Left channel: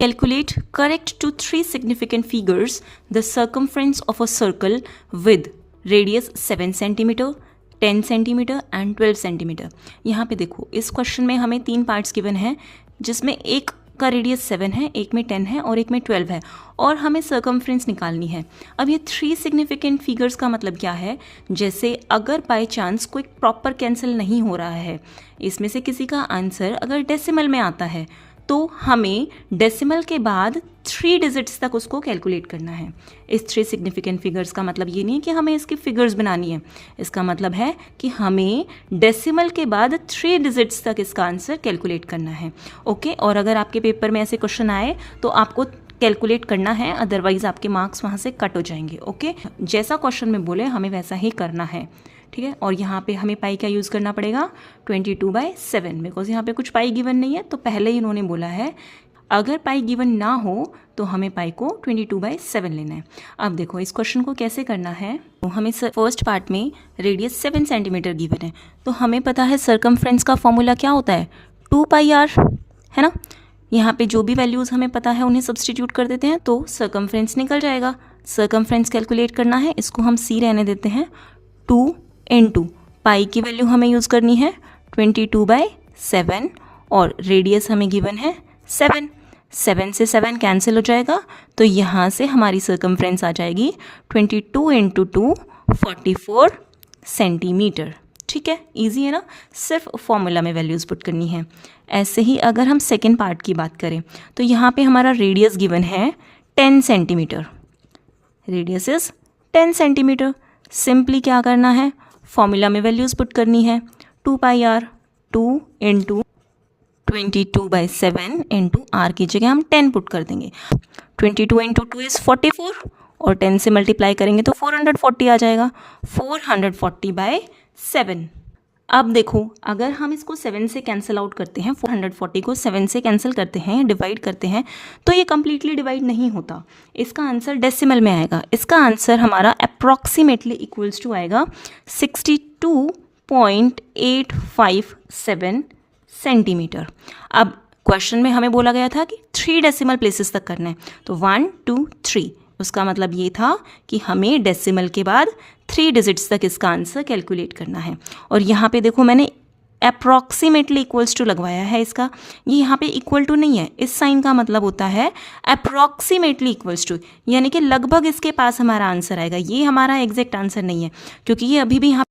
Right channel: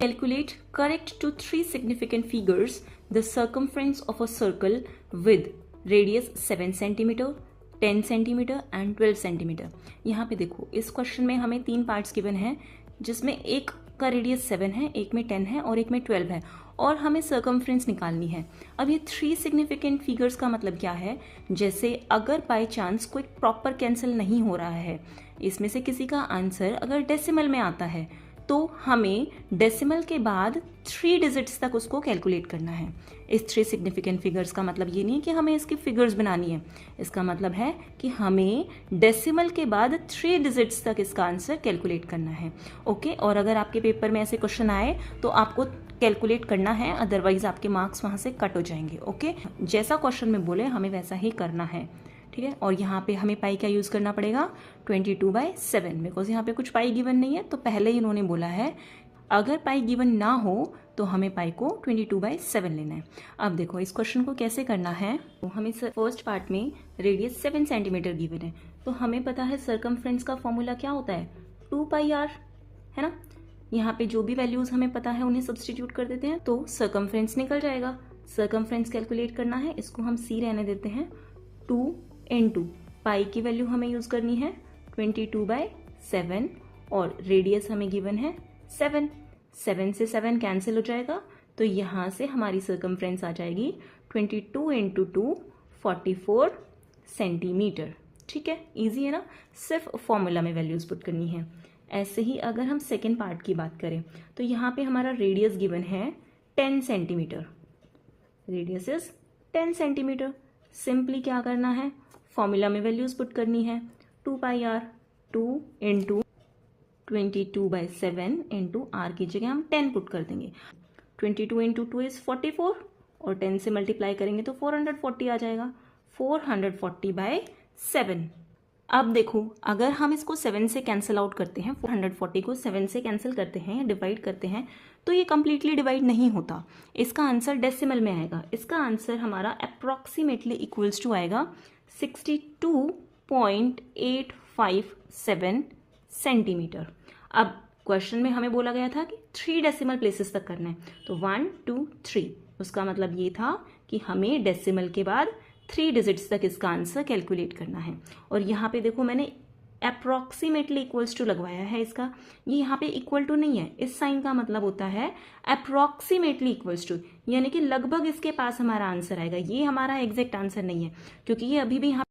Calculate correct to 3 significant figures the circumference of a circle with radius 7 cm, 10 cm and 12 cm। यहाँ पे देखो इस question में हमें 3 पार्ट्स गिवन हैं, जिसमें एक का रेडियस 7 है, एक में 10 है और एक में 12 है, और हमें सर्कमफ्रेंस निकालनी है। अब ये 3 सिग्निफिकेंट फिगर्स का मतलब क्या है, जैसे अगर बाय चांस कोई प्रॉपर कैंसिल नहीं हो रहा है, इसमें से किसी का आंसर अगर डेसिमल में आता है, तो हमें डेसिमल के बाद 3 डिजिट्स तक उसको कैलकुलेट करना है। इस 3 सिग्निफिकेंट फिगर्स का मतलब ये नहीं कि हमें इसकी फिगर्स बनानी है, इसका मतलब है कि हमें डेसिमल के बाद 3 डिजिट्स तक इसका आंसर कैलकुलेट करना है। ओके, और अगर आपके पेपर में ऐसे क्वेश्चन आए तो आपको कैलकुलेट करना है, अदरवाइज आपके मार्क्स वहाँ से कट हो जाएंगे। ओके, जैसा क्वेश्चन में बोले हमें वैसा ही करना है, ठीक है। और यहाँ पे हमें पाई का यूज़ करना पड़ेगा 22/7, बिकॉज यहाँ पे कुछ पाई गिवन नहीं है, तो पहले ही इन्होंने बोला है अगर पाई गिवन ना हो तो हमें पाई को 22/7 लेना है। अब देखो इस क्वेश्चन को कैसे करना है, तो हमें फर्स्ट पार्ट में रेडियस 7 सेंटीमीटर गिवन है, तो हमें पता है सर्कमफ्रेंस का फॉर्मूला क्या होता है, 2πr, है ना। यहाँ पे जो भी वैल्यूज़ हमें पता है उन्हें सब्सटीट्यूट कर देते हैं तो सर्कमफ्रेंस निकल जाएगा। सर्कमफ्रेंस कैलकुलेट करना है, इसको हम c रहने देते हैं, 2 × पाई की वैल्यू हमें यूज़ करनी है 22/7 और रेडियस हमें गिवन है 7 से 7 कैंसिल हो जाएगा, तो यहाँ से हमारी सर्कमफ्रेंस आ जाएगी 22 × 2 44 सेंटीमीटर। ठीक है, इजी है ना, सिर्फ फॉर्मूला में वैल्यूज़ पुट करनी है। ऐसे ही अगर हम सेकेंड पार्ट की बात करें तो यहाँ पे हमारा रेडियस गिवन है 10 centimetre, radius is 10 centimetre. Simply क्या करना है, फॉर्मूला में वैल्यूज़ पुट करनी है, 2πr, 2 × 22/7 × r की जगह हम 10 पुट कर देंगे। 22 × 2 इज़ 44 और 10 से मल्टीप्लाई करेंगे तो 440 आ जाएगा, 440/7। अब देखो अगर हम इसको 7 से कैंसिल आउट करते हैं, 440 को 7 से कैंसिल करते हैं, डिवाइड करते हैं, तो ये कम्प्लीटली डिवाइड नहीं होता, इसका आंसर डेसिमल में आएगा। इसका आंसर हमारा अप्रॉक्सीमेटली इक्वल्स टू आएगा 62.857 सेंटीमीटर। अब क्वेश्चन में हमें बोला गया था कि 3 डेसिमल प्लेसेस तक करना है, तो 1 2 3, उसका मतलब ये था कि हमें डेसिमल के बाद 3 डिजिट्स तक इसका आंसर कैलकुलेट करना है। और यहाँ पे देखो मैंने अप्रॉक्सीमेटली इक्वल्स टू लगवाया है, इसका ये यहाँ पे इक्वल टू नहीं है, इस साइन का मतलब होता है अप्रॉक्सीमेटली इक्वल्स टू, यानी कि लगभग इसके पास हमारा आंसर आएगा। ये हमारा एग्जैक्ट आंसर नहीं है, क्योंकि ये अभी भी यहाँ